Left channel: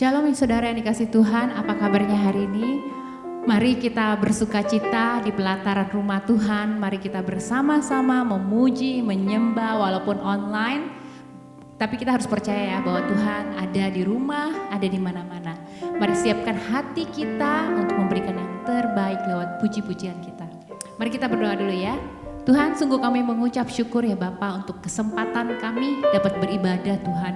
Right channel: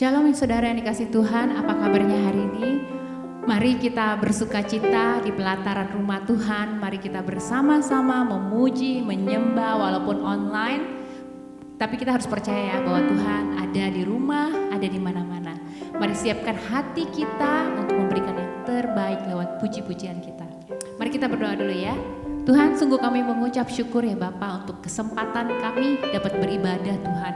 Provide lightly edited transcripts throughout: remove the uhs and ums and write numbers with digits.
Shalom saudara yang dikasih Tuhan, apa kabarnya hari ini? Mari kita bersuka cita di pelataran rumah Tuhan, mari kita bersama-sama memuji, menyembah walaupun online. Tapi kita harus percaya ya bahwa Tuhan ada di rumah, ada di mana-mana. Mari siapkan hati kita untuk memberikan yang terbaik lewat puji-pujian kita. Mari kita berdoa dulu ya. Tuhan, sungguh kami mengucap syukur ya Bapa untuk kesempatan kami dapat beribadah Tuhan.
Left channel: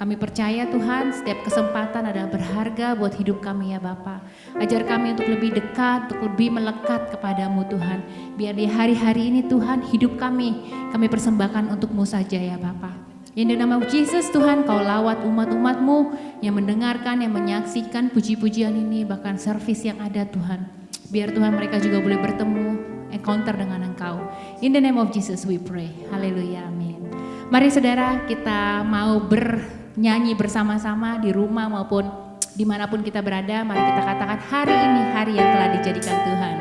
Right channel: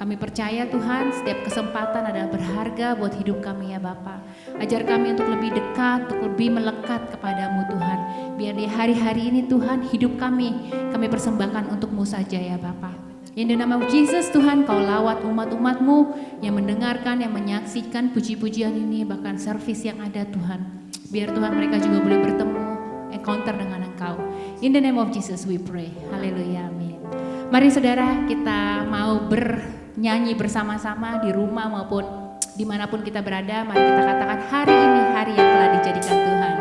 Kami percaya Tuhan setiap kesempatan adalah berharga buat hidup kami ya Bapa. Ajar kami untuk lebih dekat, untuk lebih melekat kepadamu Tuhan. Biar di hari-hari ini Tuhan hidup kami persembahkan untuk-Mu saja ya Bapa. In the name of Jesus Tuhan, Kau lawat umat-umat-Mu yang mendengarkan, yang menyaksikan puji-pujian ini, bahkan servis yang ada Tuhan. Biar Tuhan mereka juga boleh bertemu, encounter dengan Engkau. In the name of Jesus we pray. Haleluya, amin. Mari saudara, kita mau bernyanyi bersama-sama di rumah maupun dimanapun kita berada. Mari kita katakan hari ini hari yang telah dijadikan Tuhan.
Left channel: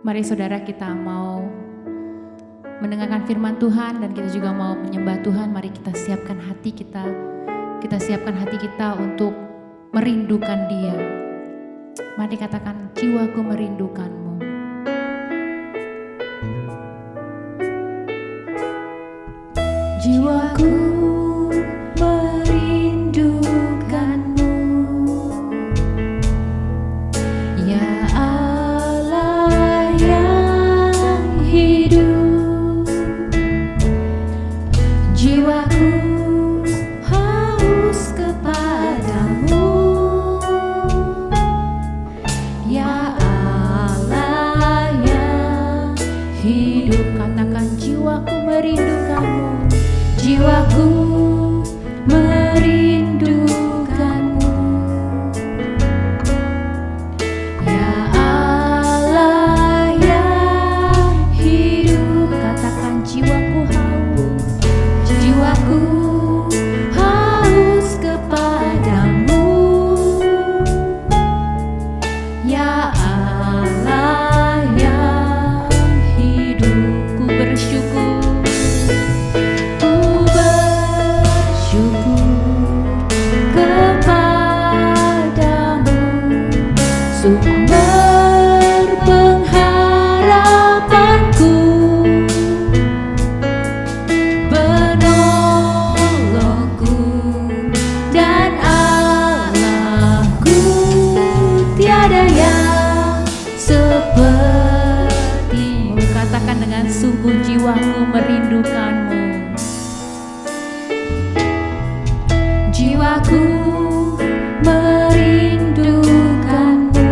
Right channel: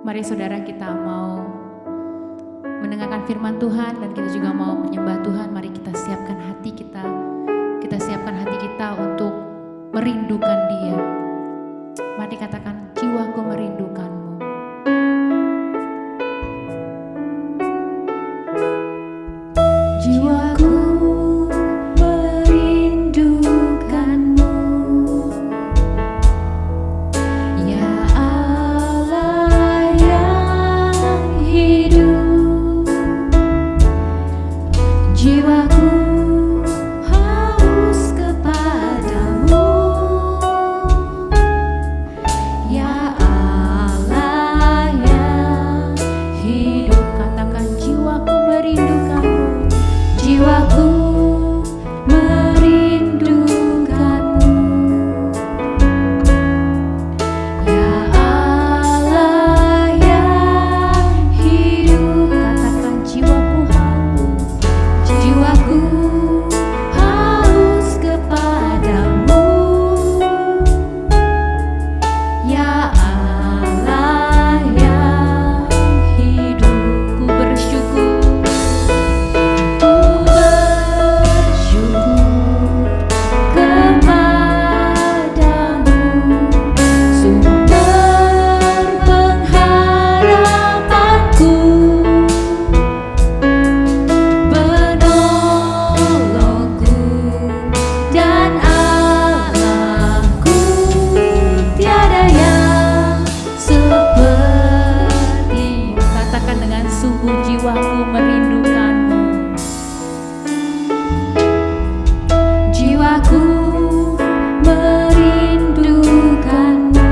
Mari saudara, kita mau mendengarkan firman Tuhan dan kita juga mau menyembah Tuhan. Mari kita siapkan hati kita. Kita siapkan hati kita untuk merindukan Dia. Mari katakan, jiwaku merindukanmu. Jiwaku merindukanmu, ya Allah. dan Allahku tiada yang sepertimu. Katakan dengan sungguh, jiwaku merindukanmu. Jiwaku merindukanmu.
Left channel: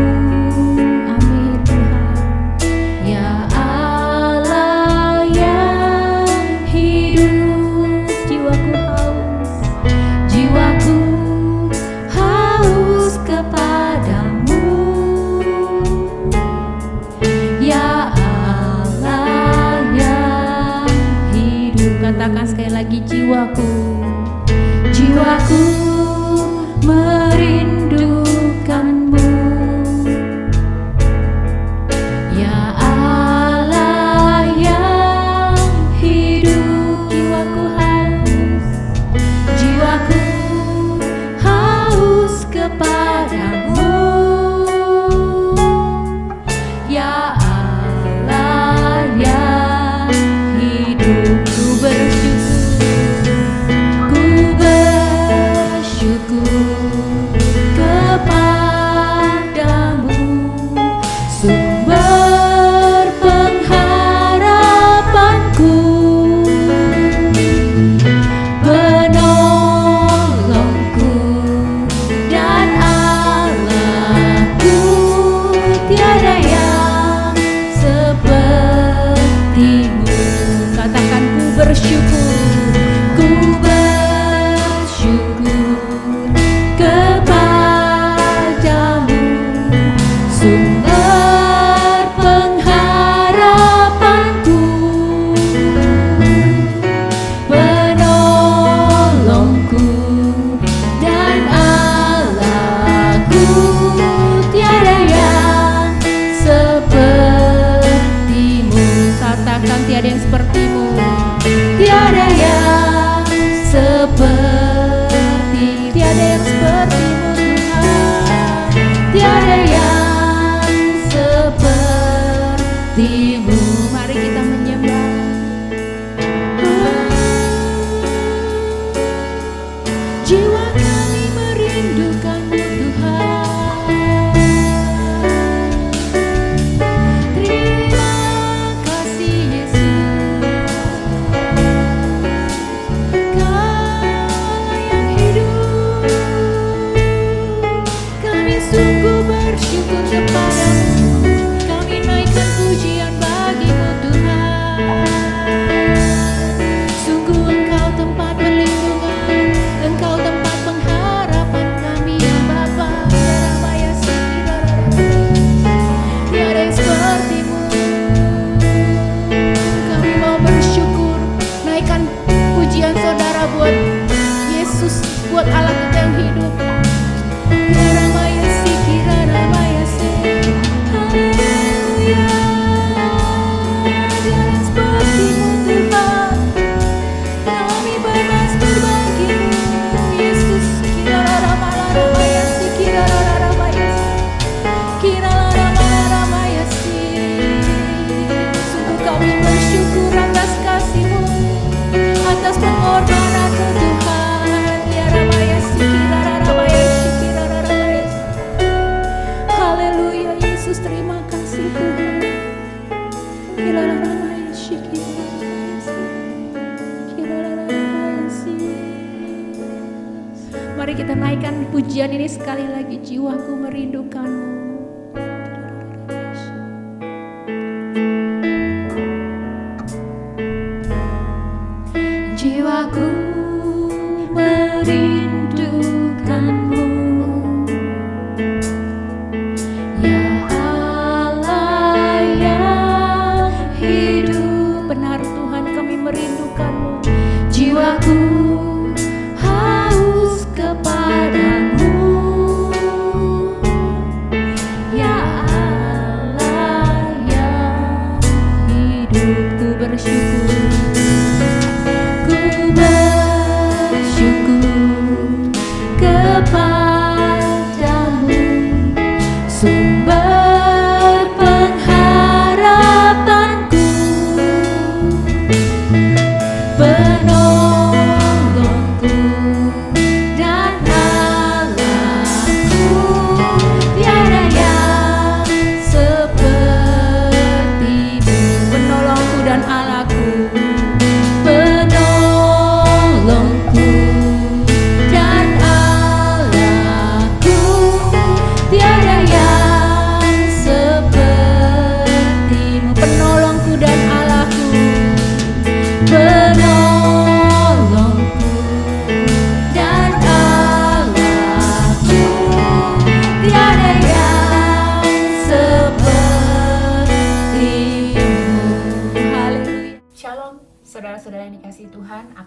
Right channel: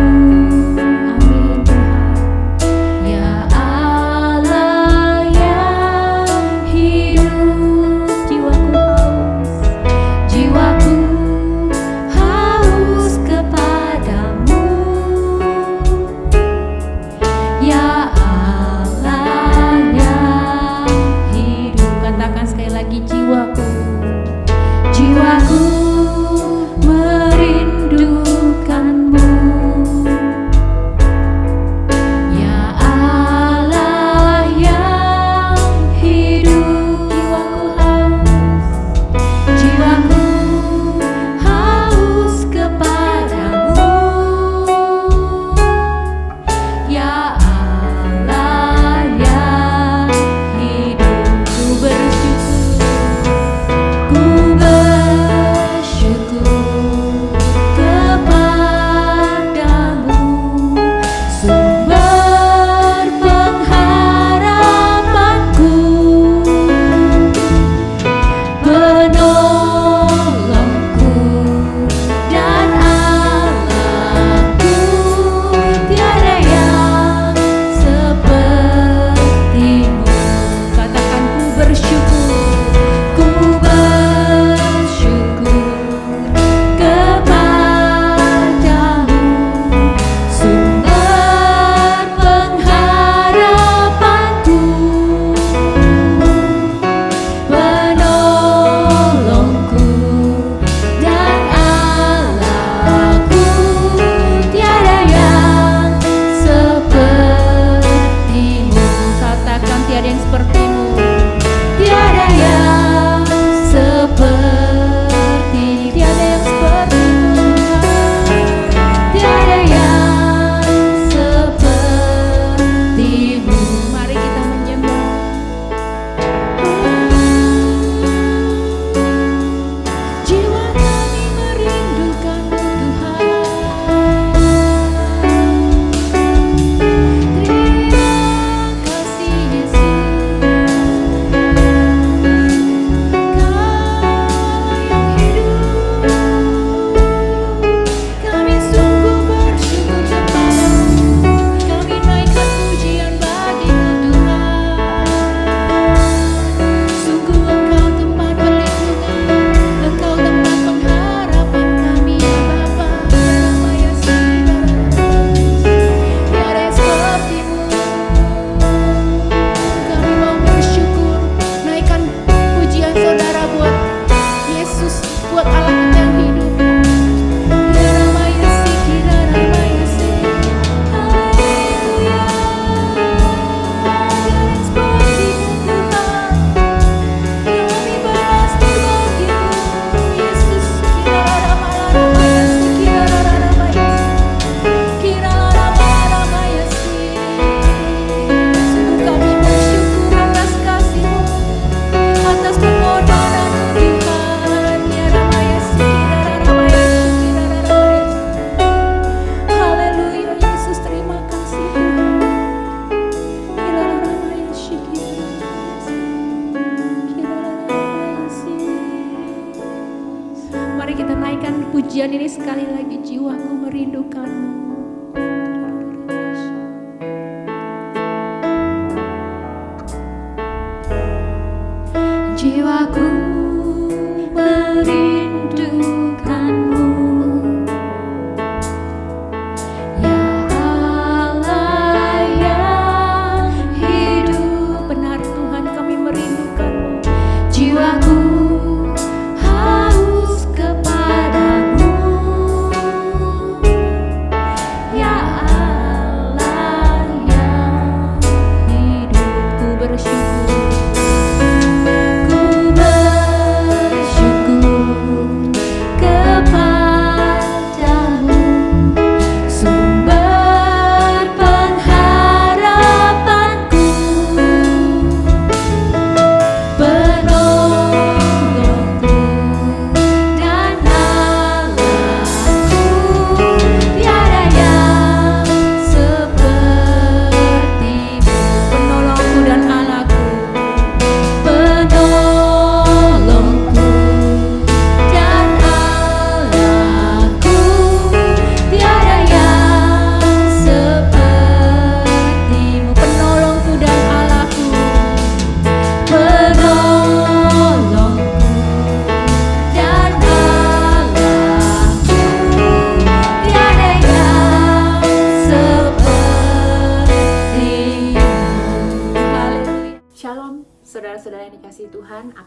Amin Tuhan. Ya Allah yang hidup, jiwaku haus. Jiwaku haus kepadamu. Ya Allah yang hidup. Katakan sekali lagi, jiwaku. Jiwaku merindukanmu. Ya Allah yang hidup, jiwaku haus. Jiwaku haus kepadamu. Ya Allah yang hidup, ku bersyukur. Bersyukur kepadamu, sumber pengharapanku, penolongku dan Allahku, tiada yang sepertimu. Katakan, ku bersyukur. Tiada yang sepertimu, tiada yang seperti, tiada yang sepertimu Tuhan, tiada yang sepertimu. Mari kita menyembah. Jiwa kami merindukanmu Tuhan. Terima kasih Yesus. Kau Allah yang hidup. Kami sungguh bersyukur kepadamu. Kami naikkan pujian bagimu Tuhan. Sungguh Engkau tempat perlindungan, Engkau tempat pengharapan kami ya Bapa. Ya Rama ya Sira, tiada yang sepertimu. Kami mau bersyukur, naikkan pujian saudara buat Yesus, buat Allah kita yang hidup. Ya Rama ya Sikira, Rama ya Si. Haleluya. Tiada yang sepertimu Tuhan. Kami bermasmur bagimu Yesus. Kira Rama Rama ya Si, kira Rama ya Si, kira Rama ya Si. Sungguh kami bersyukur atas kasih-Mu, atas pengorbananmu Tuhan. Ya Rama ya Si, kira Rama ya Si, kira Rama ya Si. Haleluya Yesus, terima kasih Tuhan. Kira Rama ya Si, kira Rama ya Si, kira Rama ya Si. Mari kita naikkan pujian ini sekali lagi, jiwaku merindukanmu. Jiwaku merindukanmu. Ya Allah yang hidup. Benar Tuhan, kami merindukanmu. Jiwaku haus kepadamu. Ya Allah yang hidup, ku bersyukur. Ku bersyukur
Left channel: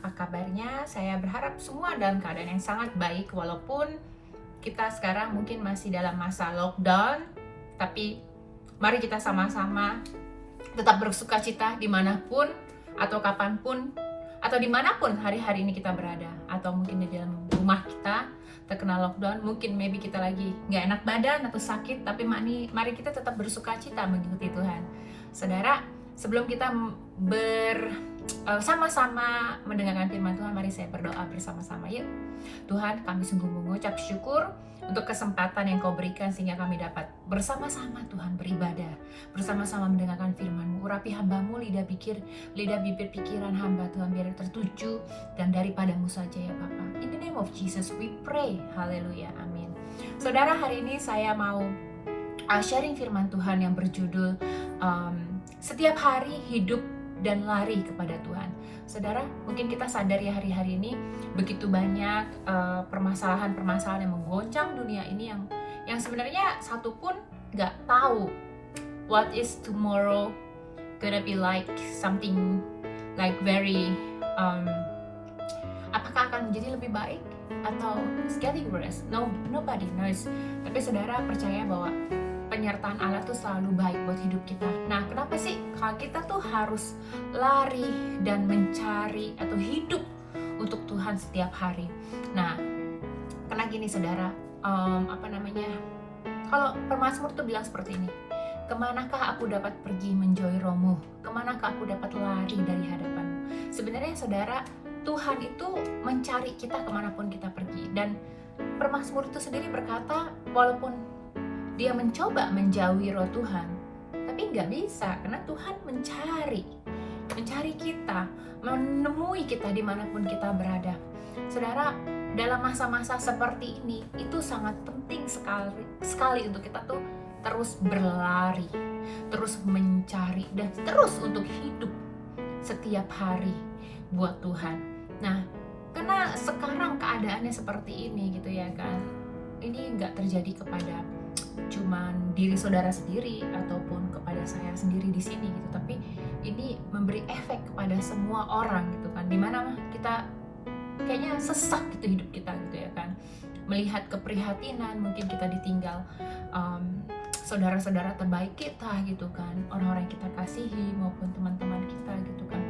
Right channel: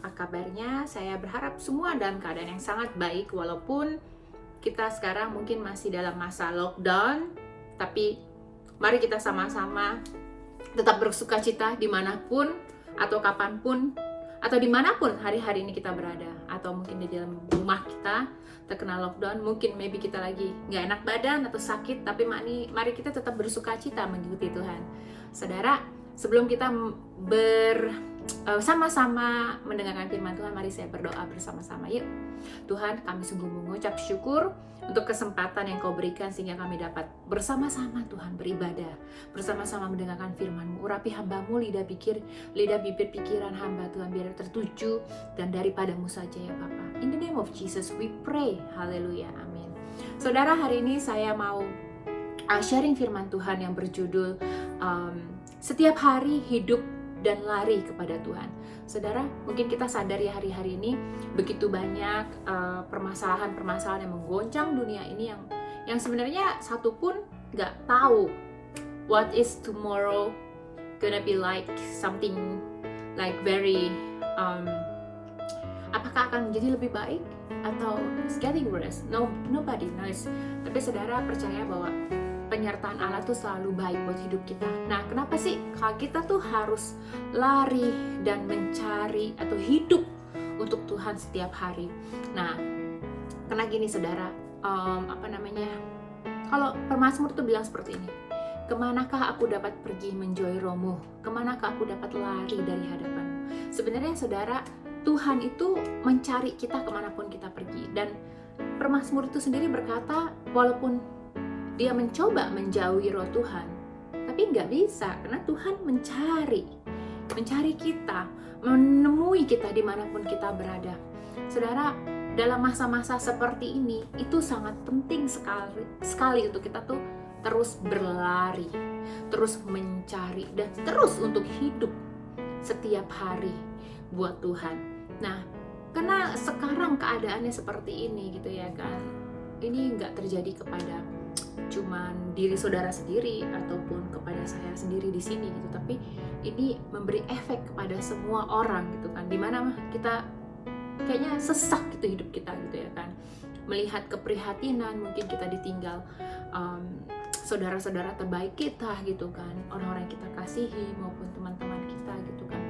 apa kabarnya? Saya berharap semua dalam keadaan yang sangat baik, walaupun kita sekarang mungkin masih dalam masa lockdown, tapi mari kita sama-sama tetap bersuka cita dimanapun atau kapanpun atau dimanapun hari-hari ini kita berada, atau mungkin di dalam rumah kita terkena lockdown, mungkin maybe kita lagi nggak enak badan atau sakit, tapi mari kita tetap bersuka cita mengikuti Tuhan. Saudara, sebelum kita sama-sama mendengarkan firman Tuhan, mari saya berdoa bersama-sama. Yuk. Tuhan, kami sungguh mengucap syukur untuk kesempatan yang Kau berikan sehingga kami dapat bersama-sama Tuhan beribadah, bersama-sama mendengarkan firman-Mu. Urapi hamba-Mu, lidah bibir pikiran hamba Tuhan, biar tertuju dan daripadamu saja ya Bapa. In the name of Jesus we pray. Haleluya, amin. Saudara, hari ini saya mau sharing firman Tuhan yang berjudul setiap hari hidup dan lari kepada Tuhan. Saudara, mungkin kita sadar ya hari-hari ini begitu banyak permasalahan-permasalahan yang menggoncang dunia ini yang sebenarnya satu pun nggak tahu what is tomorrow gonna be like, something like very apakah akan menjadi lebih baik atau it's getting worse. Nobody knows. Tapi saudara percaya bahwa penyertaan Allah tuh selalu baik buat hidup kita. Nah, kenapa sih kalau kita tuh harus lari dan mencari atau hidup untuk Tuhan setiap hari? Nah, karena gini saudara, kalau pemazmur tuh bilang seperti ini, kemanakah aku dapat pergi menjauhi rohmu? Kemanakah aku dapat lari dari hadapanmu? Sebenarnya saudara, Tuhan itu mencari kita kemanapun kita pergi. Dan pemazmur itu sendiri berkata, walaupun dia mencoba menjauhi roh Tuhan, tapi nggak bisa, karena Tuhan mencari kita, menemui kita dimanapun kita berada. Saudara, dalam masa-masa seperti ini, itu sangat penting sekali untuk kita tuh terus berlari, terus mencari, dan terus untuk hidup setiap hari buat Tuhan. Nah, karena sekarang keadaannya seperti ini gitu ya kan, ini nggak terjadi kepada cuman diri saudara sendiri ataupun kepada saya sendiri di sini gitu, tapi ini memberi efek kepada semua orang gitu kan, dimana kita kayaknya sesak gitu hidup kita gitu ya kan, melihat keprihatinan, mungkin kita ditinggal saudara-saudara terbaik kita gitu kan, orang-orang yang kita kasihi maupun teman-teman kita gitu kan,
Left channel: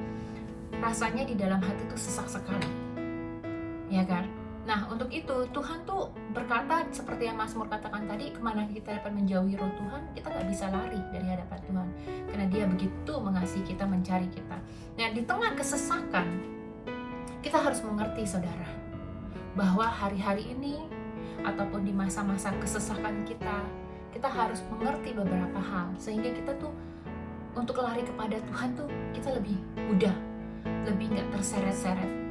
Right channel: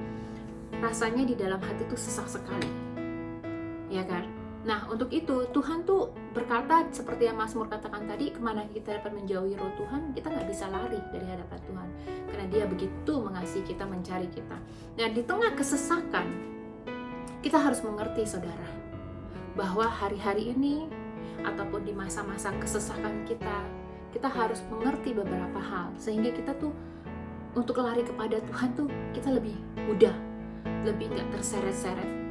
rasanya di dalam hati tuh sesak sekali ya kan. Nah, untuk itu Tuhan tuh berkata seperti yang Mazmur katakan tadi, kemana kita dapat menjauhi roh Tuhan, kita gak bisa lari dari hadapan Tuhan, karena Dia begitu mengasihi kita, mencari kita. Dan di tengah kesesakan, kita harus mengerti saudara, bahwa hari-hari ini ataupun di masa-masa kesesakan kita harus mengerti beberapa hal, sehingga kita tuh untuk lari kepada Tuhan tuh kita lebih mudah, lebih gak terseret-seret.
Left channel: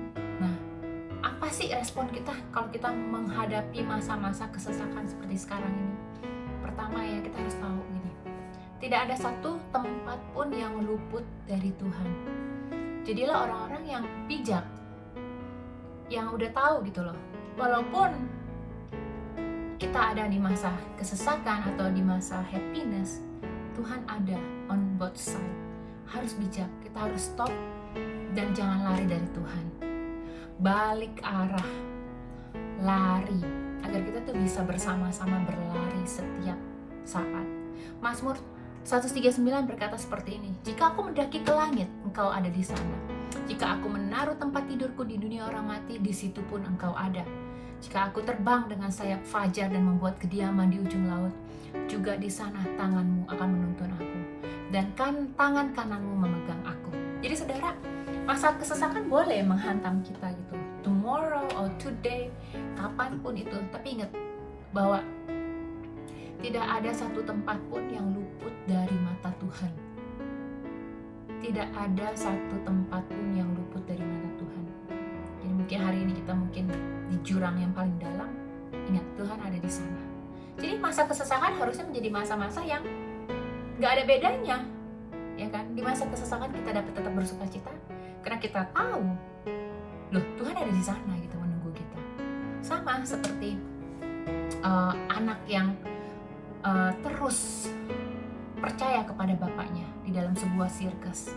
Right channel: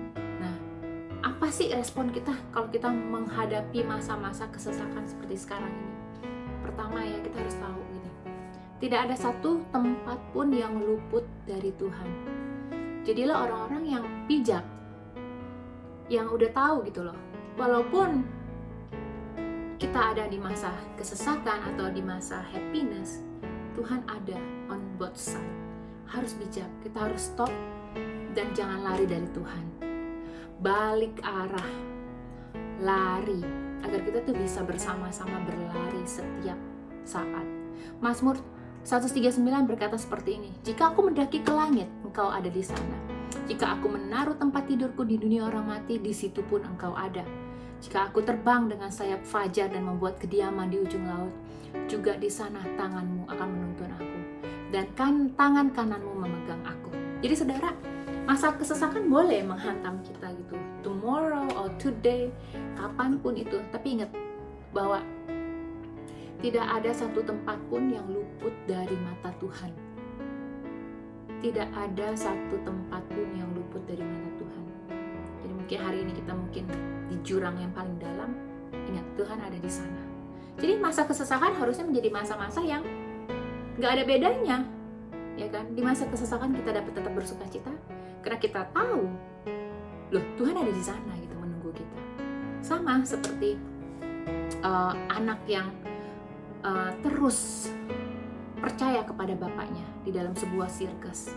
Apa sih respon kita kalau kita menghadapi masa-masa kesesakan seperti sekarang ini? Pertama ya, kita harus tahu gini, tidak ada satu tempat pun yang luput dari Tuhan. Jadilah orang-orang yang bijak, yang udah tahu gitu loh, walaupun kita ada di masa kesesakan atau di masa happiness, Tuhan ada on both side. Harus bijak, kita harus stop dan jangan lari dari Tuhan. Balik arah, lari, agar kita tuh bisa bersama-sama berlari setiap saat. Mazmur 139 berkata seperti ini, jika aku mendaki ke langit, engkau ada di sana. Jika aku menaruh tempat tidurku di dunia orang mati, di situ pun engkau ada. Jika aku terbang dengan sayap fajar dan membuat kediaman di ujung laut, juga di sana tanganmu akan menuntun aku, dan tangan kananmu memegang aku. Jadi saudara, masa kesesakan boleh menghantam kita gitu, tomorrow or today, kapanpun itu. Tapi ingat bahwa tidak ada satu tempat pun yang luput dari mata Tuhan. Tidak ada satu tempat pun yang luput dari mata Tuhan. Jadi mungkin hari ini kita mungkin di jurang yang paling dalam, ingat Tuhan ada di sana. Jadi masa kesesakan harusnya menjadi masa-masa yang gak ada bedanya, ya kan? Di masa kesesakan kita dapat tetap bersuka cita, karena kita tahu, loh Tuhan ada di sana gitu, menunggu kita. Sama seperti anak yang terus percaya kepada bapaknya di dalam sebuah sirkus.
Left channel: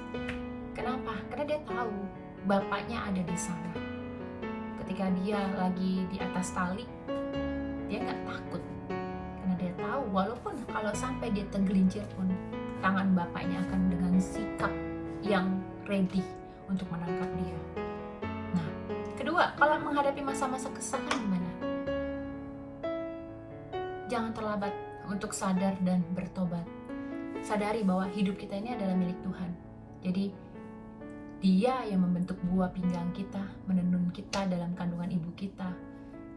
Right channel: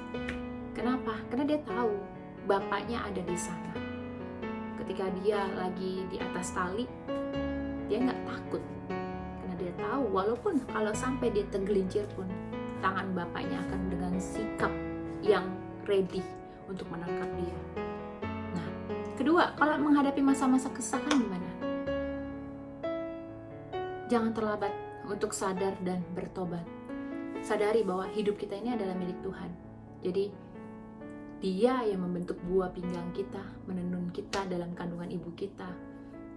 Kenapa? Karena dia tahu bapaknya ada di sana. Ketika dia lagi di atas tali, dia nggak takut karena dia tahu walaupun kalau sampai dia tergelincir pun tangan bapaknya akan dengan sikap yang ready untuk menangkap dia. Nah, kedua, kalau menghadapi masa-masa kesusahan gimana? Jangan terlambat untuk sadar dan bertobat. Sadari bahwa hidup kita ini adalah milik Tuhan. Jadi Dia yang membentuk buah pinggang kita, menenun kita dalam kandungan ibu kita.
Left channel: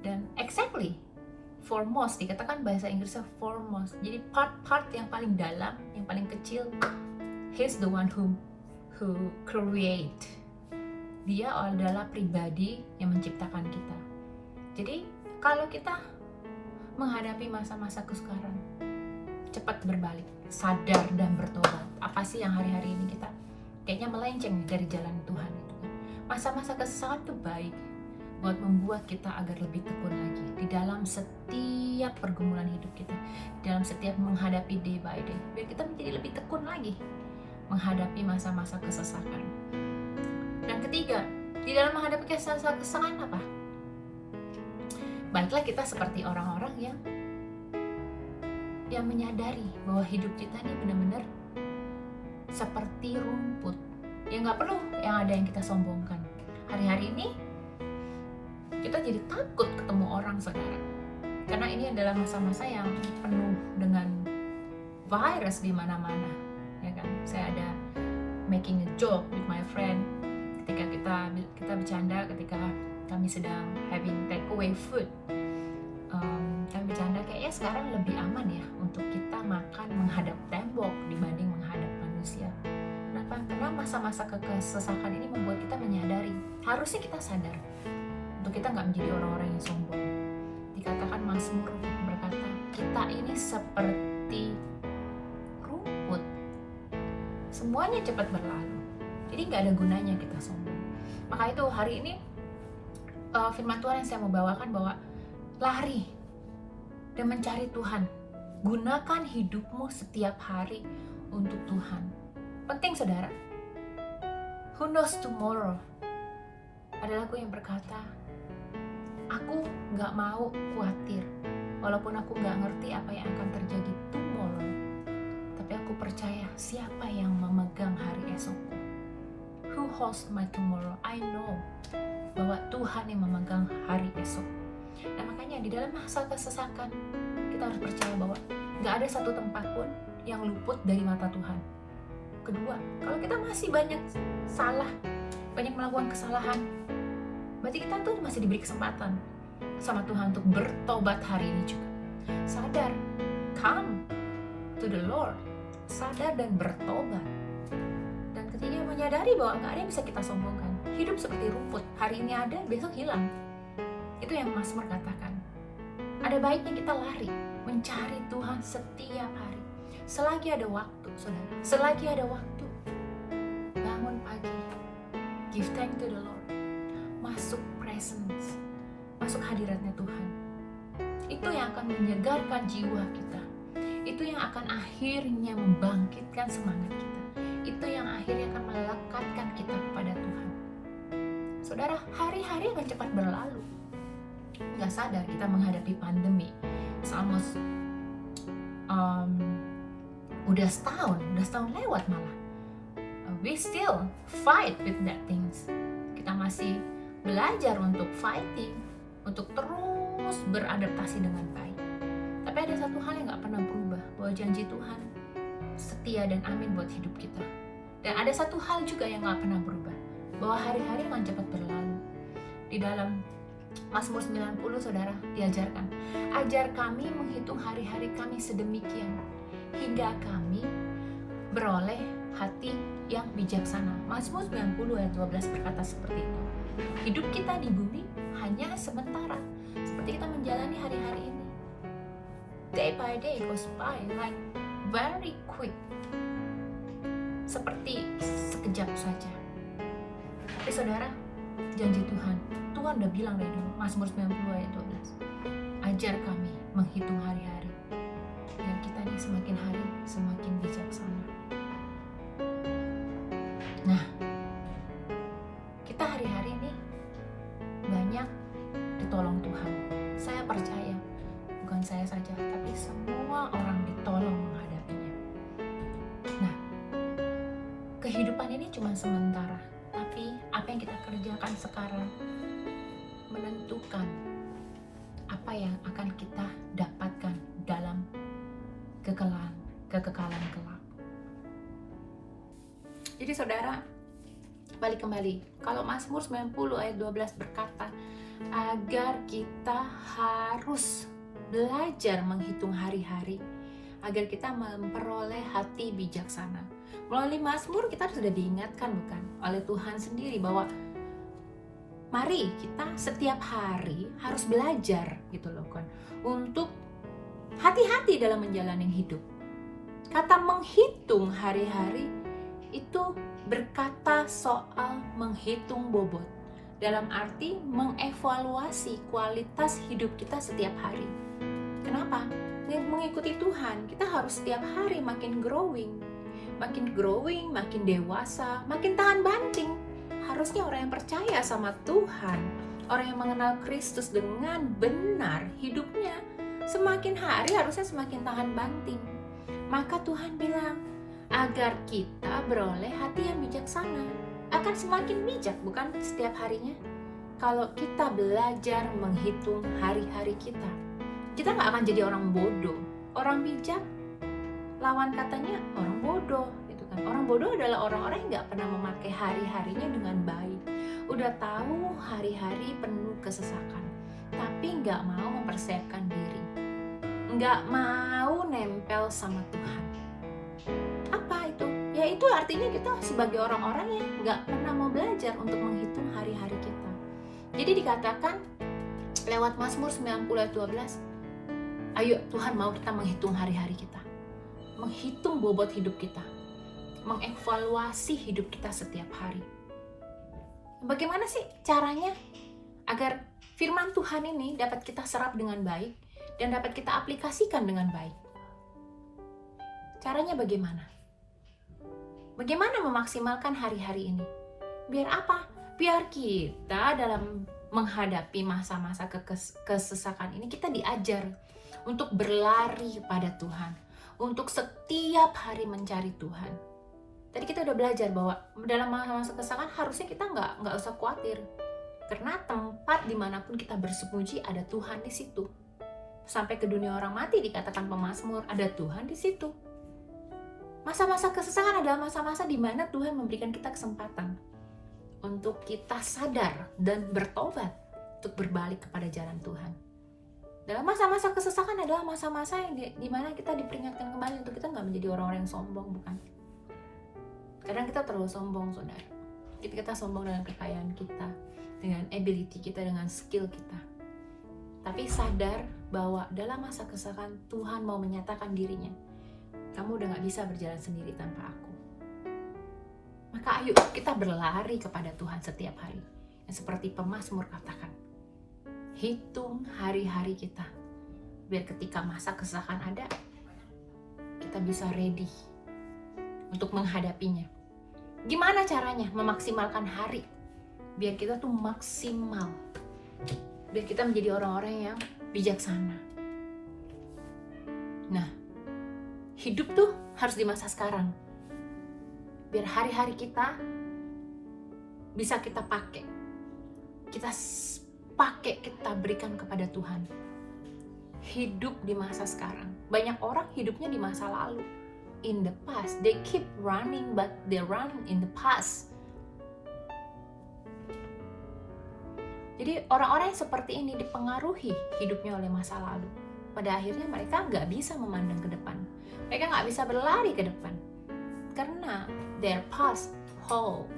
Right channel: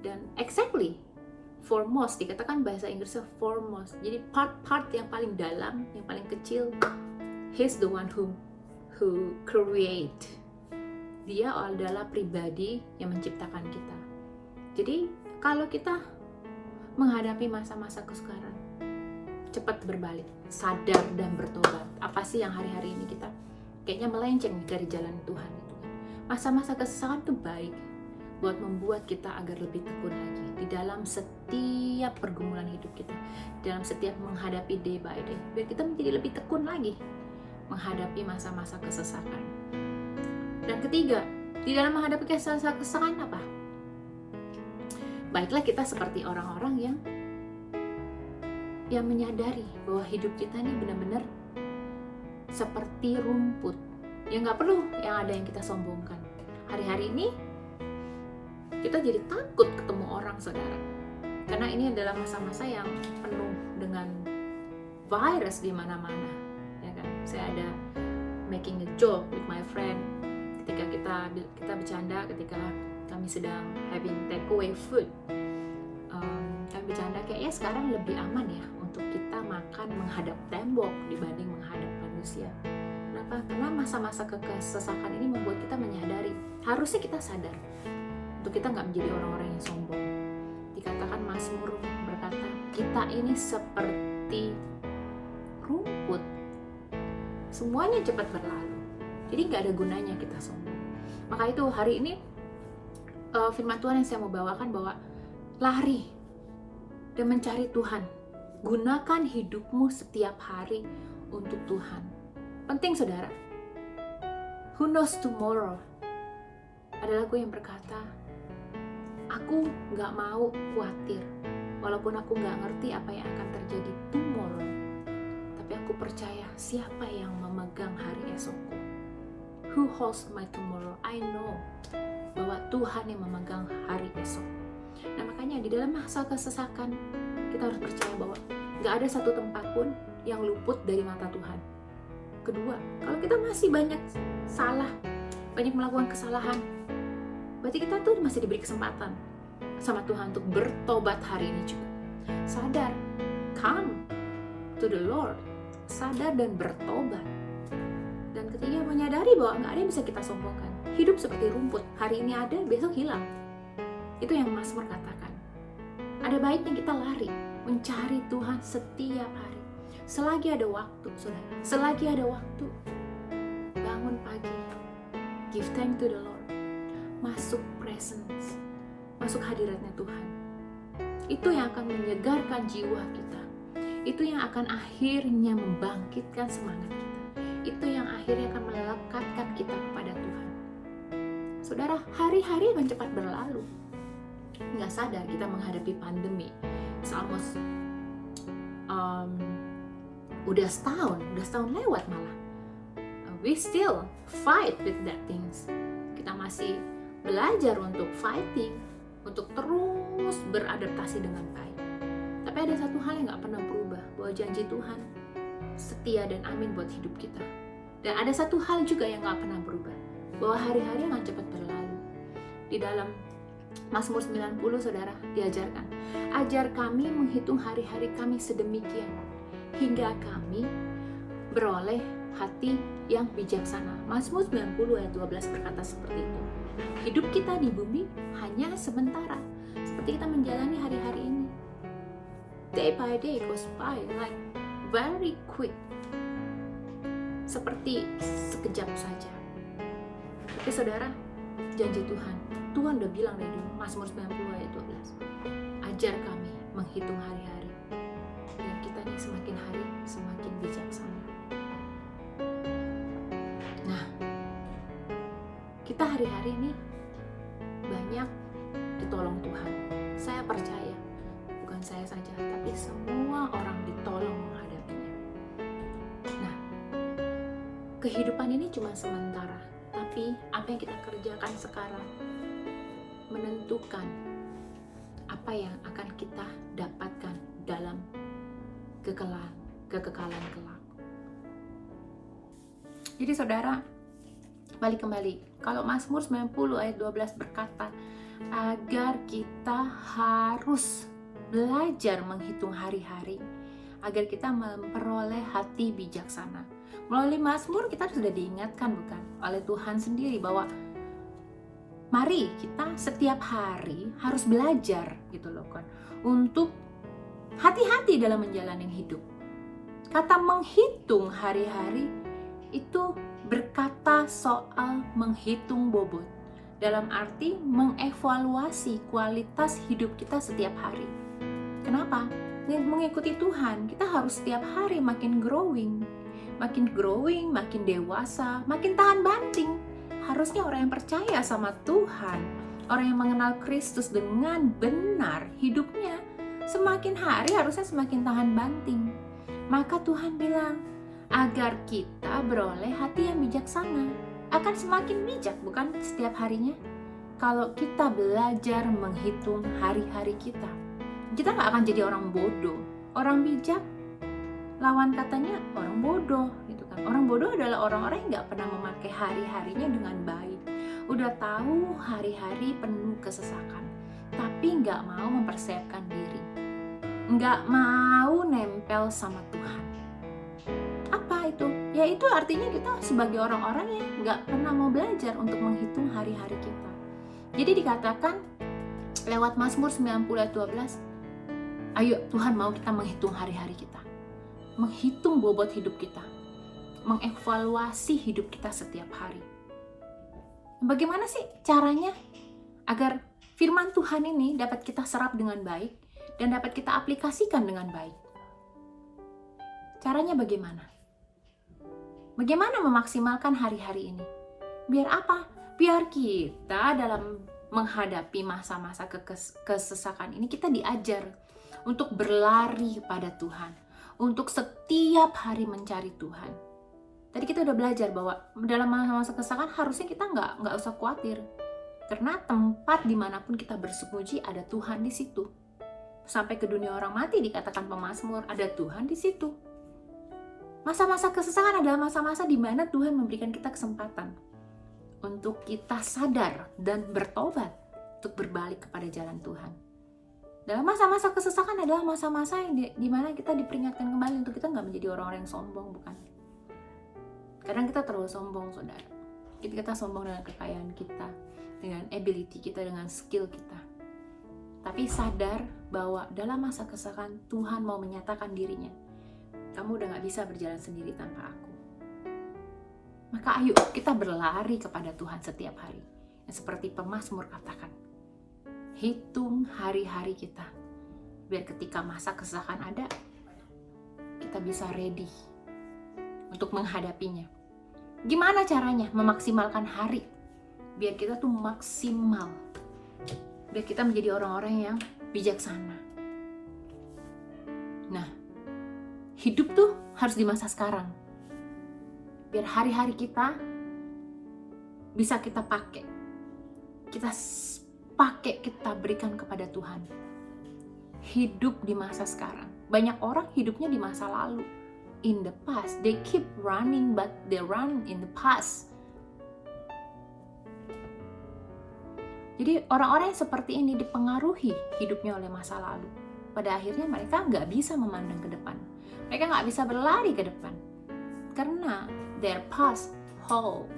Dan exactly, foremost, dikatakan bahasa Inggrisnya foremost. Jadi part-part yang paling dalam, yang paling kecil, He's the one who create. Dia adalah pribadi yang menciptakan kita. Jadi kalau kita menghadapi masa-masa kesukaran, cepat berbalik, sadar dan bertobat. Apa sih yang hari-hari ini kita kayaknya melenceng dari jalan Tuhan itu kan? Masa-masa kesusahan itu baik buat membuat kita agar lebih tekun lagi di dalam setiap pergumulan hidup kita, dalam setiap menghadapi day by day, biar kita menjadi lebih tekun lagi menghadapi masa-masa kesesakan. Dan ketiga, di dalam menghadapi kesesakan apa? Baiklah kita seperti orang-orang yang menyadari bahwa hidup kita ini benar-benar seperti rumput. Ya nggak perlu yang ada yang kita sombongkan. Hari-hari ini kita jadi takut ketemu orang, saudara. Karena ini adalah masa-masa yang penuh dengan virus di mana-mana. Ya kan? Saya ada making a joke with my friend ketika kita bercanda ketika kami sedang having takeaway food. Kami bercanda kayaknya sekarang lebih aman ya untuk kita makan menghadap tembok dibanding menghadap manusia. Kenapa? Karena masa-masa kesesakan ini membuat kita menyadari, harusnya kita sadar untuk kita nggak menjadi orang-orang yang sombong. Dikatakan Mazmur berkata, kita ini seperti rumput, semuanya cepat berlalu. Jadi nggak ada gunanya kita sombong. Maka itu hari ini firman Tuhan yang saya mau bawakan bahwa lari dan mencari Tuhan. Gunakan hidupmu setiap hari untuk Tuhan. Penting saudara. Who knows tomorrow? Ada lagu yang berkata, aku gak mau khawatir, walaupun aku gak ngerti apa yang akan terjadi tomorrow. Tapi aku percaya siapa yang memegang hari esokku. Who holds my tomorrow? I know bahwa Tuhan yang memegang hari esok. Nah makanya di dalam masa kesesakan kita harus percaya bahwa gak ada satu tempat pun yang luput dari mata Tuhan. Kedua, kalau kita masih banyak melakukan kesalahan, berarti kita tuh masih diberi kesempatan sama Tuhan untuk bertobat hari ini juga. Sadar, come to the Lord, sadar dan bertobat. Dan ketiga, menyadari bahwa gak ada yang bisa kita sombongkan. Hidup seperti rumput, hari ini ada, besok hilang. Itu yang Mazmur katakan. Ada baiknya kita lari, mencari Tuhan setiap hari. Selagi ada waktu, saudara. Selagi ada waktu, bangun pagi, give thanks to the Lord. Masuk presence, masuk hadiratnya Tuhan. Itu yang akan menyegarkan jiwa kita. Itu yang akan akhirnya membangkitkan semangat kita. Itu yang akhirnya akan melekatkan kita kepada Tuhan. Saudara, hari-hari akan cepat berlalu. Nggak sadar kita menghadapi pandemi. Almost udah setahun lewat malah. We still fight with that things. Kita masih belajar untuk fighting, untuk terus beradaptasi dengan baik. Tapi ada satu hal yang nggak pernah berubah, bahwa janji Tuhan setia dan amin buat hidup kita. Dan ada satu hal juga yang nggak pernah berubah, bahwa hari-hari akan cepat berlalu. Di dalam Mazmur 90, saudara, diajarkan, ajar kami menghitung hari-hari kami sedemikian, hingga kami beroleh hati yang bijaksana. Mazmur 90 ayat 12 berkata seperti itu. Hidup kita di bumi hanya sementara, seperti kita menjalani hari-hari ini. Day by day goes by like very quick, seperti sekejap saja. Tapi saudara, janji Tuhan udah bilang dari dulu, Mazmur 90 ayat 12, ajar kami menghitung hari-hari, dan kita nih semakin hari semakin bijaksana. Nah, kita percaya, bukan saya saja, tapi semua orang ditolong menghadapinya. Nah, kehidupan ini cuma sementara, tapi apa yang kita kerjakan sekarang menentukan apa yang akan kita dapatkan dalam kekekalan kelak. Jadi saudara, balik kembali, kalau Mazmur 90 ayat 12 berkata agar kita harus belajar menghitung hari-hari agar kita memperoleh hati bijaksana. Melalui Mazmur kita sudah diingatkan bukan oleh Tuhan sendiri bahwa mari kita setiap hari harus belajar gitu loh kan, untuk hati-hati dalam menjalani hidup. Kata menghitung hari-hari itu berkata soal menghitung bobot, dalam arti mengevaluasi kualitas hidup kita setiap hari. Kenapa? Mengikuti Tuhan, kita harus setiap hari makin growing, makin dewasa, makin tahan banting. Harusnya orang yang percaya sama Tuhan, orang yang mengenal Kristus dengan benar, hidupnya semakin hari harusnya semakin tahan banting. Maka Tuhan bilang, agar kita beroleh hati yang bijaksana, akan semakin bijak bukan setiap harinya. Kalau kita belajar menghitung hari-hari kita nggak akan jadi orang bodoh. Orang bijak, lawan katanya orang bodoh gitu kan. Orang bodoh adalah orang-orang yang nggak pernah memakai hari-harinya dengan baik. Udah tahu hari-hari penuh kesesakan, tapi nggak mau mempersiapkan diri, nggak mau nempel sama Tuhan. Apa itu? Ya itu artinya kita sebagai orang-orang yang nggak pernah mau belajar untuk menghitung hari-hari kita. Jadi dikatakan lewat Mazmur 90 ayat 12, ayo Tuhan mau kita menghitung hari-hari kita, menghitung bobot hidup kita, mengevaluasi hidup kita setiap hari. Bagaimana sih caranya agar firman Tuhan ini dapat kita serap dengan baik dan dapat kita aplikasikan dengan baik? Caranya bagaimana? Bagaimana memaksimalkan hari-hari ini? Biar apa? Biar kita dalam menghadapi masa-masa kesesakan ini kita diajar untuk berlari pada Tuhan, untuk setiap hari mencari Tuhan. Tadi kita udah belajar bahwa dalam masa-masa kesesakan harusnya kita nggak usah khawatir, karena tempat dimanapun kita bersembunyi ada Tuhan di situ. Sampai ke dunia orang mati dikatakan pemazmur, ada Tuhan di situ. Masa-masa kesesakan adalah masa-masa di mana Tuhan memberikan kita kesempatan untuk kita sadar dan bertobat, untuk berbalik kepada jalan Tuhan. Dalam masa-masa kesesakan adalah masa-masa yang di mana kita diperingatkan kembali untuk kita nggak menjadi orang-orang yang sombong, bukan? Kadang kita terlalu sombong, saudara. Kita sombong dengan kekayaan kita, dengan ability kita, dengan skill kita. Tapi sadar bahwa dalam masa kesesakan Tuhan mau menyatakan dirinya. Kamu udah gak bisa berjalan sendiri tanpa aku. Maka ayo kita berlari kepada Tuhan setiap hari. Yang seperti pemazmur katakan, hitung hari-hari kita, biar ketika masa kesesakan ada, kita bisa ready untuk menghadapinya. Gimana caranya memaksimalkan hari? Biar kita tuh maksimal, biar kita menjadi orang-orang yang bijaksana. Nah, hidup tuh harus di masa sekarang. Biar hari-hari kita bisa kita pakai. Kita berikan kepada Tuhan. Hidup di masa sekarang. Banyak orang hidupnya di masa lalu. In the past. They keep running but they run in the past. Jadi orang-orang yang seperti ini dipengaruhi hidupnya oleh masa lalu. Pada akhirnya mereka nggak bisa memandang ke depan. Mereka nggak bisa berlari ke depan karena their past hold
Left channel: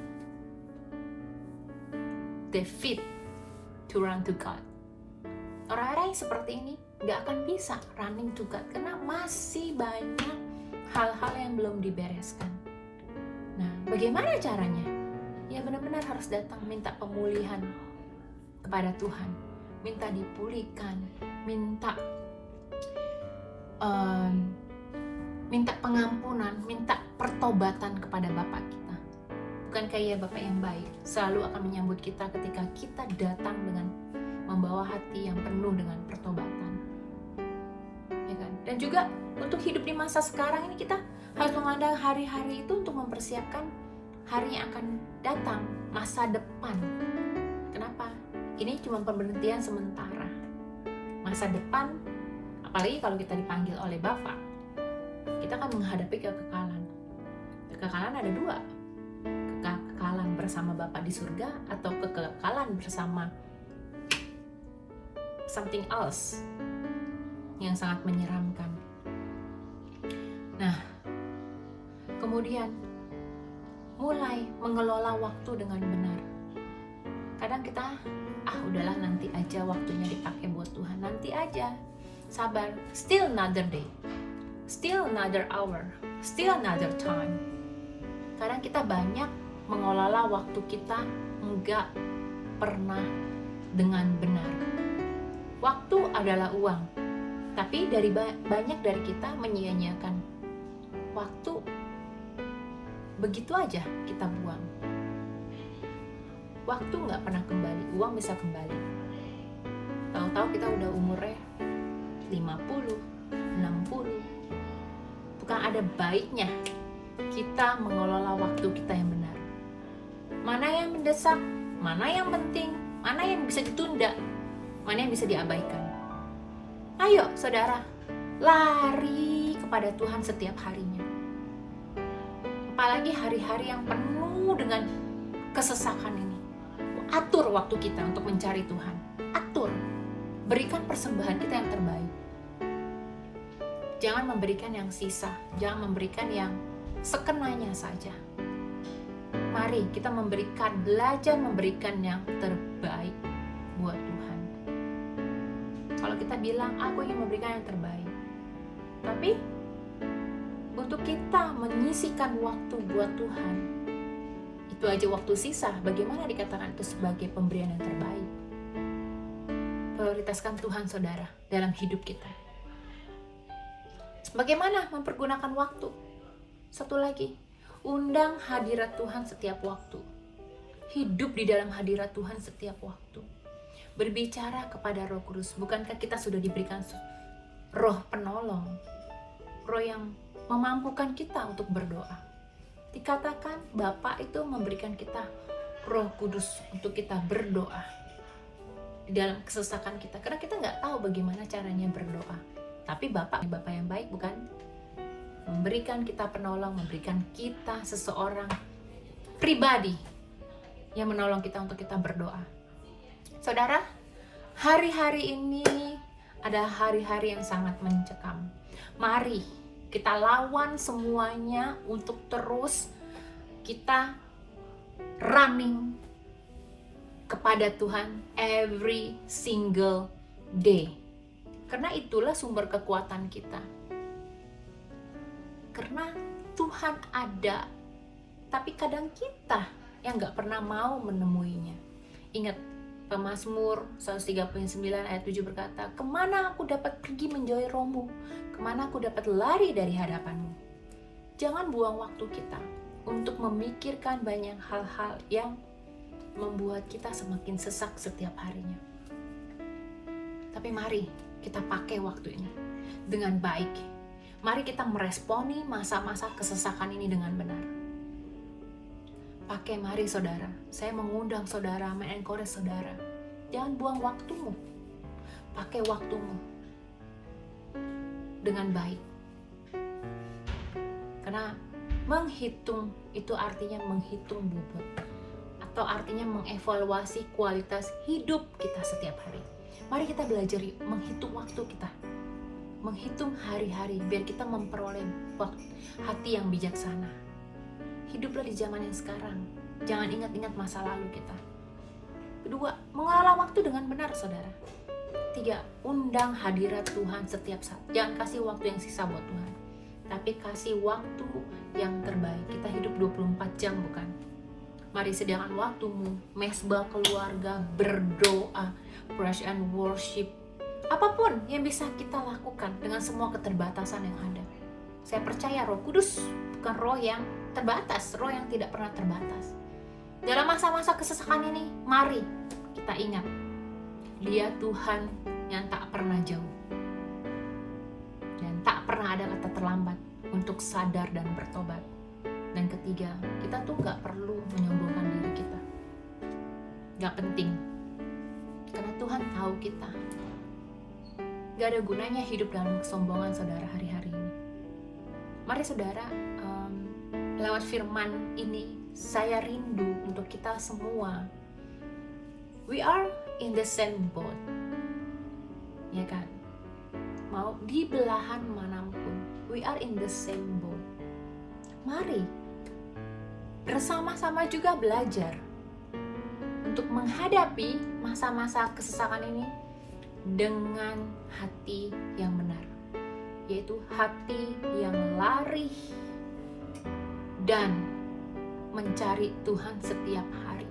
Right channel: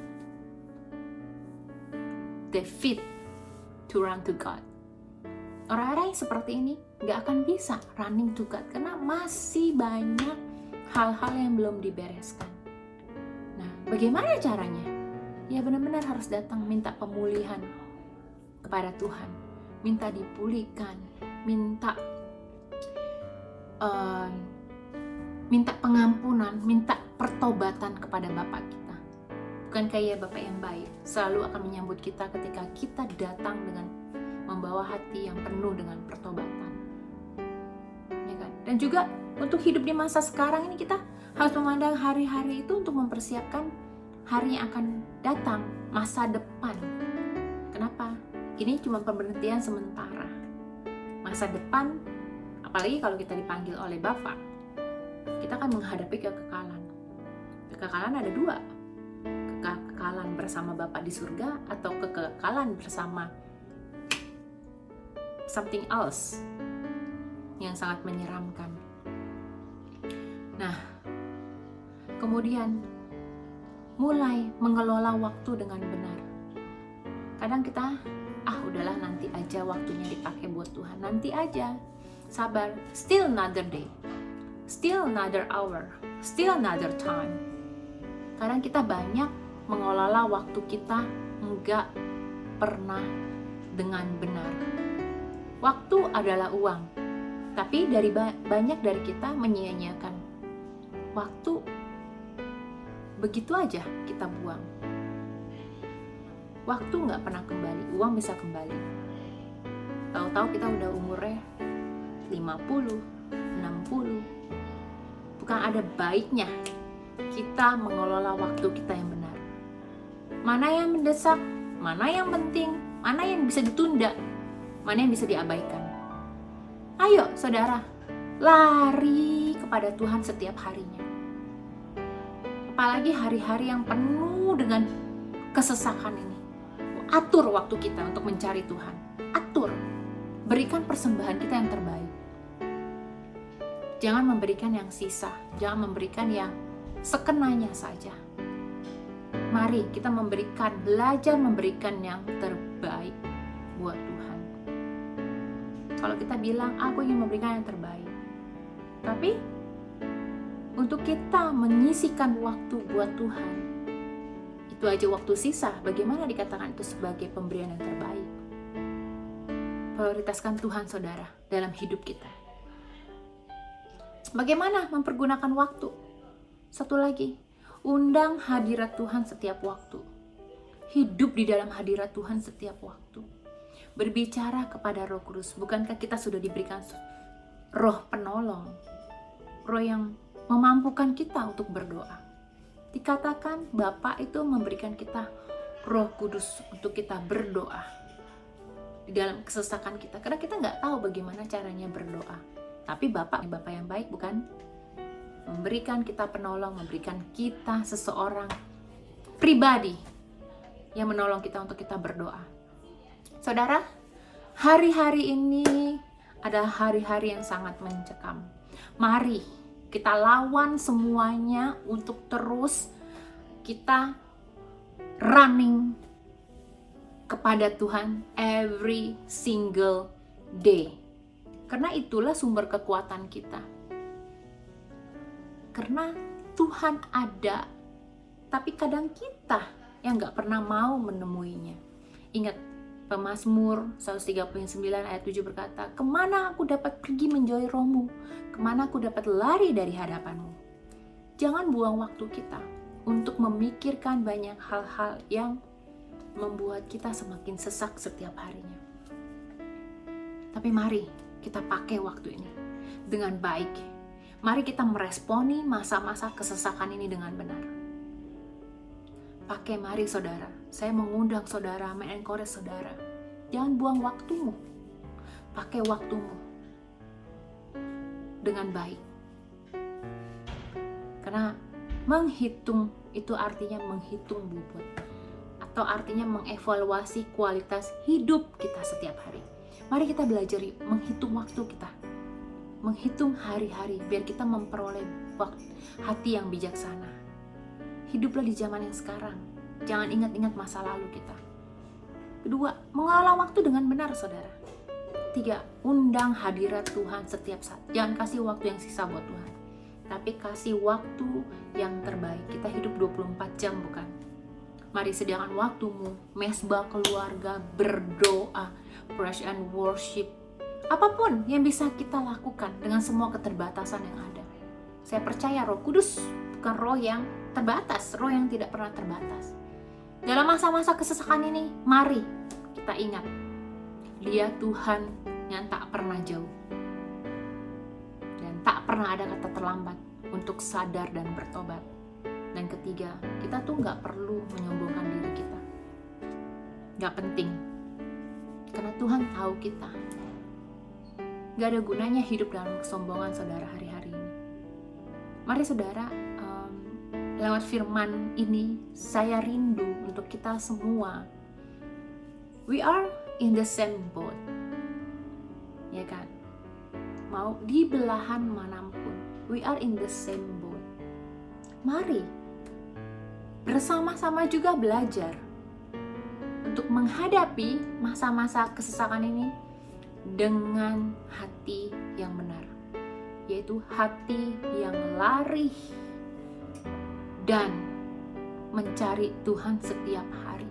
the feet to run to God. Orang-orang yang seperti ini nggak akan bisa running to God karena masih banyak hal-hal yang belum dibereskan. Nah, bagaimana caranya? Ya benar-benar harus datang minta pemulihan kepada Tuhan, minta dipulihkan, minta pengampunan, minta pertobatan kepada Bapa kita. Bukan kayak Bapa yang baik, selalu akan menyambut kita ketika kita datang dengan membawa hati yang penuh dengan pertobatan. Dan juga untuk hidup di masa sekarang ini kita harus memandang hari-hari itu untuk mempersiapkan hari yang akan datang, masa depan. Kenapa? Ini cuma pemberhentian sementara. Masa depan, apalagi kalau kita dipanggil oleh Bapa, kita akan menghadapi kekekalan. Kekekalan ada dua, kekekalan bersama Bapa di surga atau kekekalan bersama something else yang sangat menyeramkan. Nah, kemudian mulai mengelola waktu dengan benar. Kadang kita, udahlah nanti aja waktunya dipakai buat Tuhan, nanti aja, sabar, still another day, still another hour, still another time. Kadang kita banyak mengelola waktu kita enggak pernah dengan benar. Waktu adalah uang, tapi banyak dari kita menyia-nyiakan waktu, begitu aja kita buang. Waktu nggak pernah kembali, uang bisa kembali. Tahu-tahu kita udah umurnya 50, 60. Bukan ada baiknya kita mengelola waktu kita yang benar. Mana yang mendesak, mana yang penting, mana yang bisa ditunda, mana yang bisa diabaikan. Ayo saudara, lari kepada Tuhan setiap harinya. Apalagi hari-hari yang penuh dengan kesesakan ini. Atur waktu kita untuk mencari Tuhan. Atur. Berikan persembahan kita yang terbaik. Jangan memberikan yang sisa. Jangan memberikan yang sekenanya saja. Mari kita belajar memberikan yang terbaik buat Tuhan. Kalau kita bilang, aku ingin memberikan yang terbaik. Tapi, untuk kita menyisikan waktu buat Tuhan, itu aja waktu sisa, bagaimana dikatakan itu sebagai pemberian yang terbaik? Prioritaskan Tuhan saudara dalam hidup kita. Bagaimana mempergunakan waktu? Satu lagi, undang hadirat Tuhan setiap waktu. Hidup di dalam hadirat Tuhan setiap waktu. Berbicara kepada Roh Kudus. Bukankah kita sudah diberikan roh penolong? Roh yang memampukan kita untuk berdoa. Dikatakan Bapa itu memberikan kita Roh Kudus untuk kita berdoa di dalam kesesakan kita, karena kita nggak tahu bagaimana caranya berdoa. Tapi Bapa yang baik, bukan? Memberikan kita penolong, memberikan kita seseorang pribadi yang menolong kita untuk kita berdoa. Saudara, hari-hari ini adalah hari-hari yang sangat mencekam. Mari kita lawan semuanya untuk terus kita running kepada Tuhan every single day. Karena itulah sumber kekuatan kita. Karena Tuhan ada, tapi kadang kita yang gak pernah mau menemuinya. Ingat, Pemazmur 139 ayat 7 berkata, kemana aku dapat pergi menjauhi rohmu? Kemana aku dapat lari dari hadapanmu? Jangan buang waktu kita untuk memikirkan banyak hal-hal yang membuat kita semakin sesak setiap harinya. Tapi mari kita pakai waktu ini dengan baik. Mari kita meresponi masa-masa kesesakan ini dengan benar. Pakai, mari saudara. Saya mengundang saudara, mengencourage saudara. Jangan buang waktumu. Pakai waktumu dengan baik. Karena menghitung itu artinya menghitung bobot. Atau artinya mengevaluasi kualitas hidup kita setiap hari. Mari kita belajar menghitung waktu kita. Menghitung hari-hari biar kita memperoleh hati yang bijaksana. Hiduplah di zaman yang sekarang. Jangan ingat-ingat masa lalu kita. Kedua, mengelola waktu dengan benar, saudara. 3, undang hadirat Tuhan setiap saat. Jangan kasih waktu yang sisa buat Tuhan, tapi kasih waktu yang terbaik. Kita hidup 24 jam, bukan? Mari sediakan waktumu, mesbah keluarga, berdoa, praise and worship. Apapun yang bisa kita lakukan dengan semua keterbatasan yang ada. Saya percaya Roh Kudus bukan roh yang terbatas, roh yang tidak pernah terbatas. Dalam masa-masa kesesakan ini, mari kita ingat, Dia Tuhan yang tak pernah jauh dan tak sadar dan bertobat. Dan ketiga, kita tuh gak perlu menyombongkan diri kita. Gak penting, karena Tuhan tahu kita. Gak ada gunanya hidup dalam kesombongan saudara hari-hari ini. Mari saudara, lewat firman ini saya rindu untuk kita semua. We are in the same boat, ya kan? Mau di belahan manapun, we are in the same boat. Mari bersama-sama juga belajar untuk menghadapi masa-masa kesesakan ini dengan hati yang benar, yaitu hati yang lari dan mencari Tuhan setiap hari.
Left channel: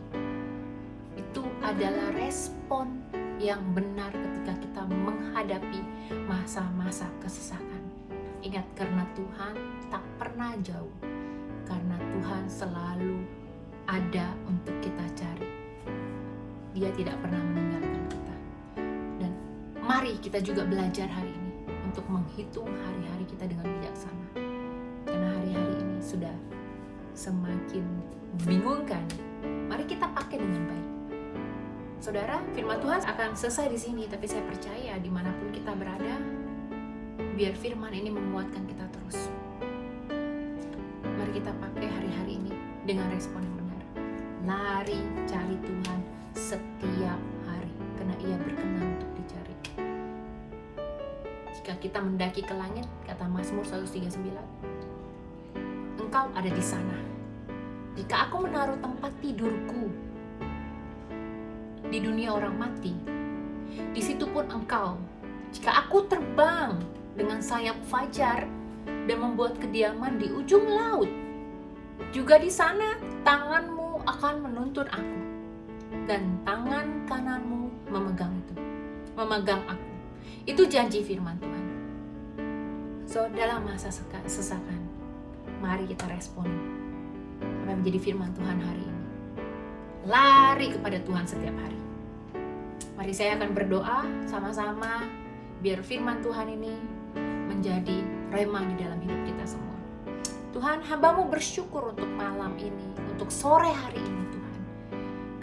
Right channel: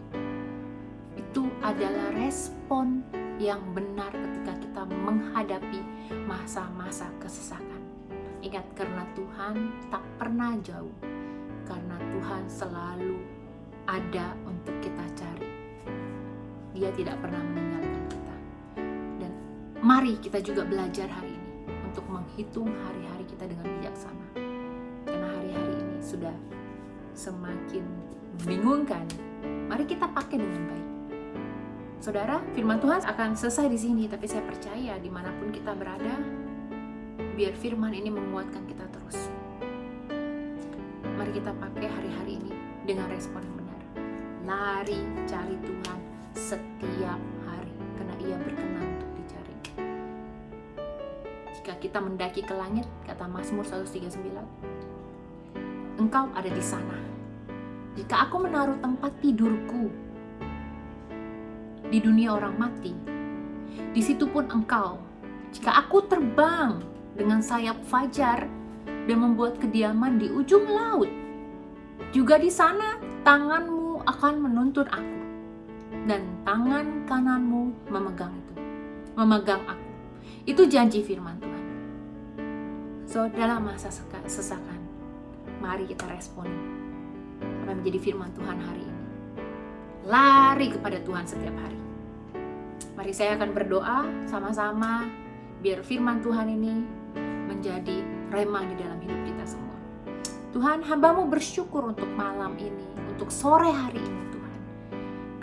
Itu adalah respon yang benar ketika kita menghadapi masa-masa kesesakan. Ingat, karena Tuhan tak pernah jauh, karena Tuhan selalu ada untuk kita cari. Dia tidak pernah meninggalkan kita. Dan mari kita juga belajar hari ini untuk menghitung hari-hari kita dengan bijaksana. Karena hari-hari ini sudah semakin membingungkan. Mari kita pakai dengan baik. Saudara, firman Tuhan akan selesai di sini, tapi saya percaya dimanapun kita berada, biar firman ini menguatkan kita terus. Mari kita pakai hari-hari ini dengan respon yang benar. Lari cari Tuhan setiap hari, karena Ia berkenan untuk dicari. Jika kita mendaki ke langit, kata Mazmur 139, Engkau ada di sana. Jika aku menaruh tempat tidurku di dunia orang mati, di situ pun Engkau. Jika aku terbang dengan sayap fajar dan membuat kediaman di ujung laut, juga di sana tanganmu akan menuntun aku, dan tangan kananmu memegang aku. Itu janji firman Tuhan. So, dalam masa sesakan, mari kita respon apa yang menjadi firman Tuhan hari ini. Lari kepada Tuhan setiap hari. Mari saya akan berdoa sama-sama biar firman Tuhan ini menjadi rema di dalam hidup kita semua. Tuhan, hamba-Mu bersyukur untuk malam ini, untuk sore hari ini Tuhan.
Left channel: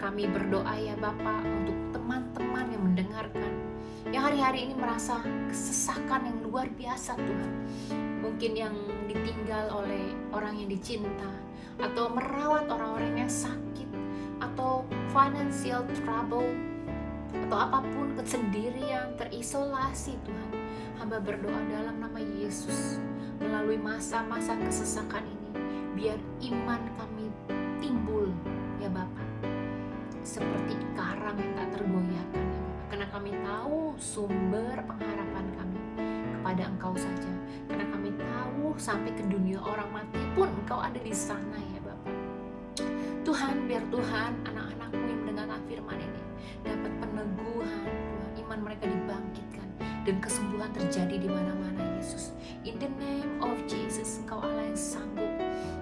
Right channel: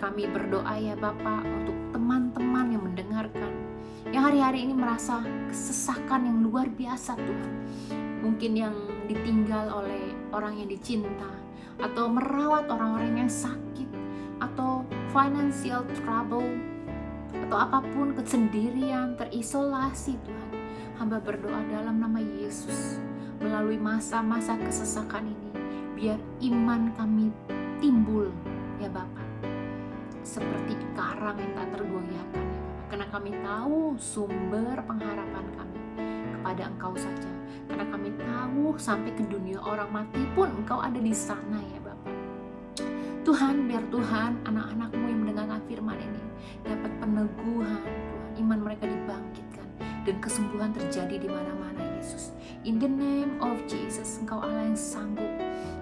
Kami berdoa ya Bapa untuk teman-teman yang mendengarkan, yang hari-hari ini merasa kesesakan yang luar biasa Tuhan. Mungkin yang ditinggal oleh orang yang dicinta, atau merawat orang-orang yang sakit, atau financial trouble, atau apapun, kesendirian, terisolasi Tuhan. Hamba berdoa dalam nama Yesus, melalui masa-masa kesesakan ini, biar iman kami timbul ya Bapa, seperti karang yang tak tergoyahkan, karena kami tahu sumber pengharapan kami kepada Engkau saja, karena kami tahu sampai ke dunia orang mati pun Engkau ada di sana ya Bapa. Tuhan, biar Tuhan anak-anak-Mu yang mendengarkan firman ini dapat peneguhan Tuhan, iman mereka dibangkitkan dan kesembuhan terjadi di mana-mana Yesus. In the name of Jesus, Engkau Allah yang sanggup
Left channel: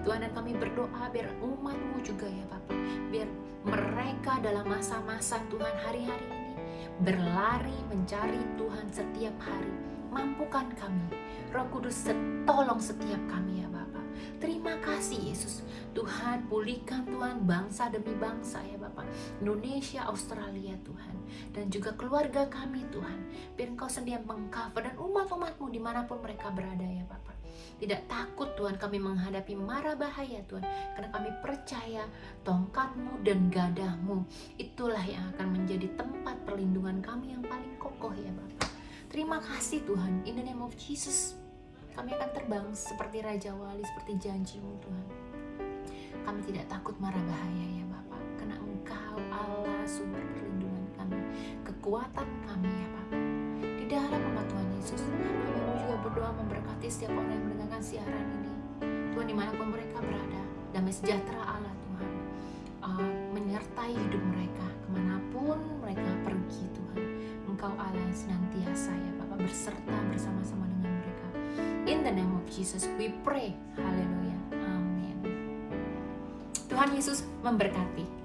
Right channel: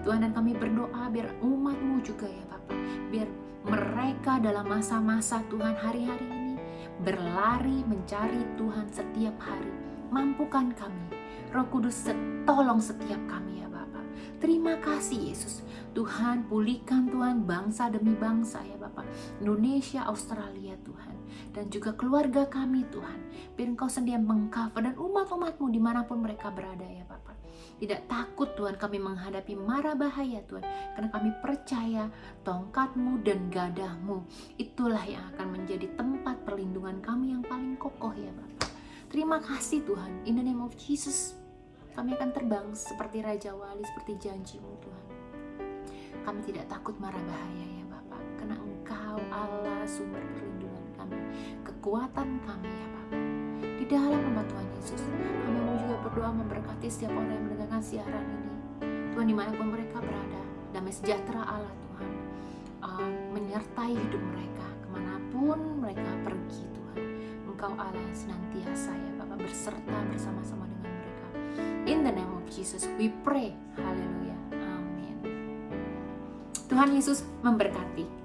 Tuhan, dan kami berdoa biar umat-Mu juga ya Bapa, biar mereka dalam masa-masa Tuhan hari-hari ini berlari mencari Tuhan setiap hari. Mampukan kami, Roh Kudus tolong setiap kami ya Bapa. Terima kasih Yesus. Tuhan, pulihkan Tuhan bangsa demi bangsa ya Bapak, Indonesia, Australia Tuhan, dan juga keluarga kami Tuhan, biar Engkau sendiri mengcover dan umat-umat-Mu dimanapun mereka berada ya Bapak. Tidak takut Tuhan kami menghadapi mara bahaya Tuhan, karena kami percaya tongkat-Mu dan gadah-Mu itulah yang akan menjadi tempat perlindungan kami yang paling kokoh ya Bapak. Terima kasih Tuhan, in the name of Jesus, kami akan terbang seperti Raja Wali, seperti janji-Mu Tuhan. Kami tidak takut mara bahaya ya Bapak, karena Engkau Allah sumber perlindungan kami, kekuatan kami ya Bapak. Di dalam nama Tuhan Yesus, kami juga berdoa memberkati setiap orang yang mendengarkan siaran ini. Tuhan, dimanapun mereka berada, damai sejahtera Allah Tuhan menyertai hidup mereka, kemanapun mereka pergi Tuhan. Engkau Allah yang senantiasa ya Bapak berserta bersama-sama dengan mereka. In the name of Jesus we pray. Haleluya. Tuhan Yesus memberkati.